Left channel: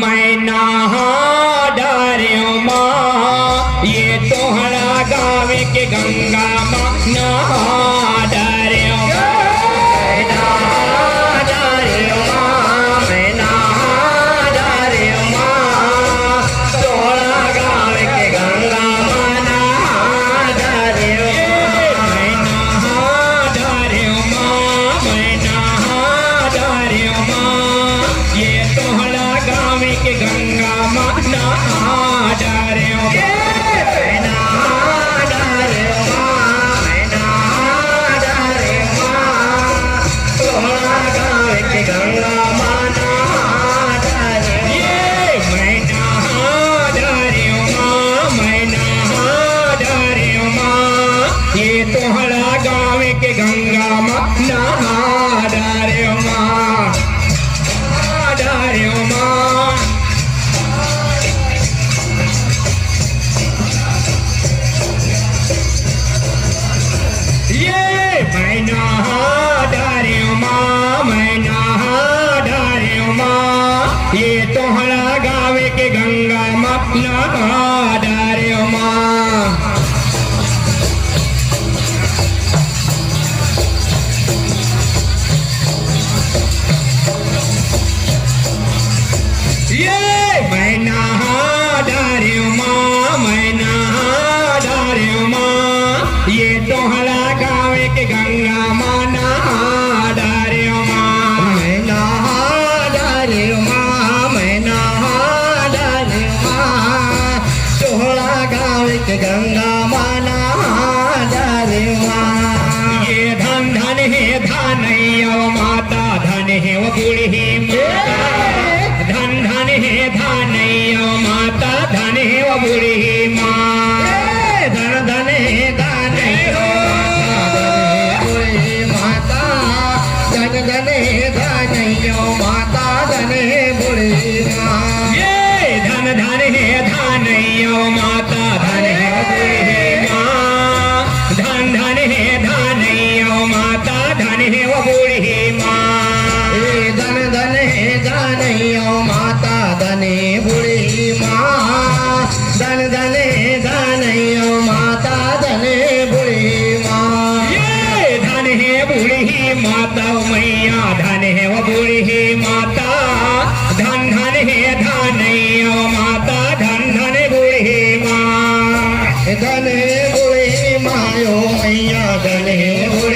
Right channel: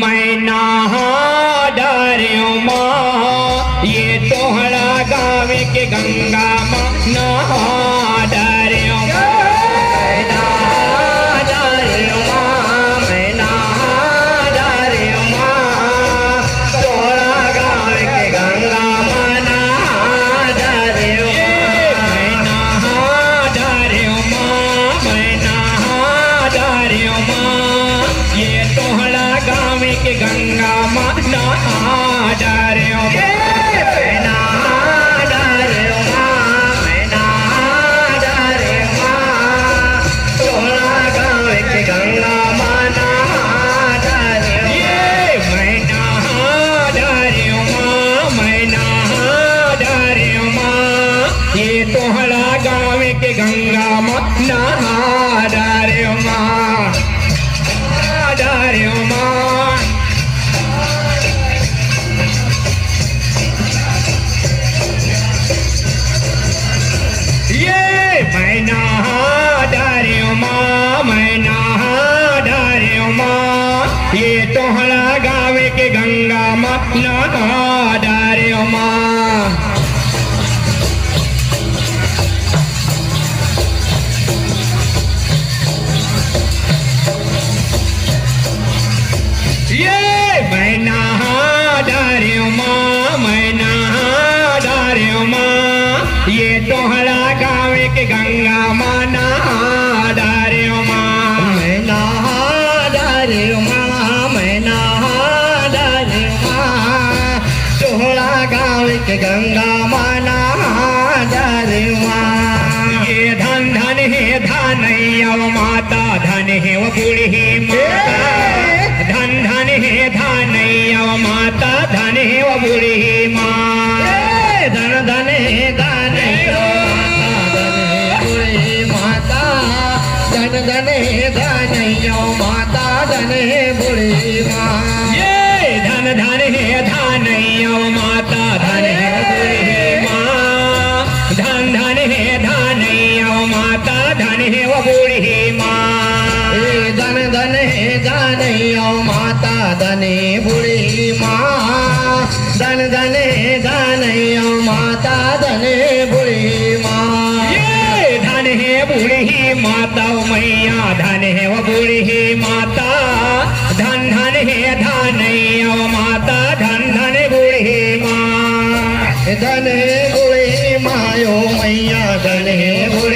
मैना डारियों माँ ये तोहरा गाँव के गंगा माँ नहा डारियों मैना डारियों माँ मैना डारियों माँ तोहरा गाँव के गंगा माँ नहा डारियों मैना डारियों माँ मैना डारियों माँ ये तोहरा गाँव के गंगा माँ नहा डारियों मैना डारियों माँ मैना डारियों माँ तोहरा गाँव के गंगा माँ नहा डारियों मैना डारियों माँ मैना डारियों माँ ये तोहरा गाँव के गंगा माँ नहा डारियों माँ डारियों माँ मैना डारियों माँ मैना डारियों माँ ये तोहरा गाँव के गंगा माँ नहा डारियों माँ मैना डारियों माँ मैना डारियों माँ ये तोहरा गाँव के गंगा माँ नहा डारियों माँ मैना डारियों माँ मैना डारियों माँ तोहरा गाँव के गंगा माँ नहा डारियों माँ ये धन धन है धनैया माता धन है वो बूढ़ी माता धन धन है धनैया माता धन है वो बूढ़ी माँ धन धन है धनैया माता धन धन है धनैया माता धन है बूढ़ी माँ ये धन धन है धनैया माता धन है बूढ़ी माँ धन धन है धनैया माता धन है वो बूढ़ी माँ धन धन है धनैया माता धने बूढ़ी माँ धन धने धनैया माता धने बूढ़ी माँ ये धन है बूढ़ी माता मैया धन है वो बूढ़ी माता धन धन है धनैया माता धन धन बूढ़ी माँ धन है बूढ़ी माँ यो मैया धन है बूढ़ी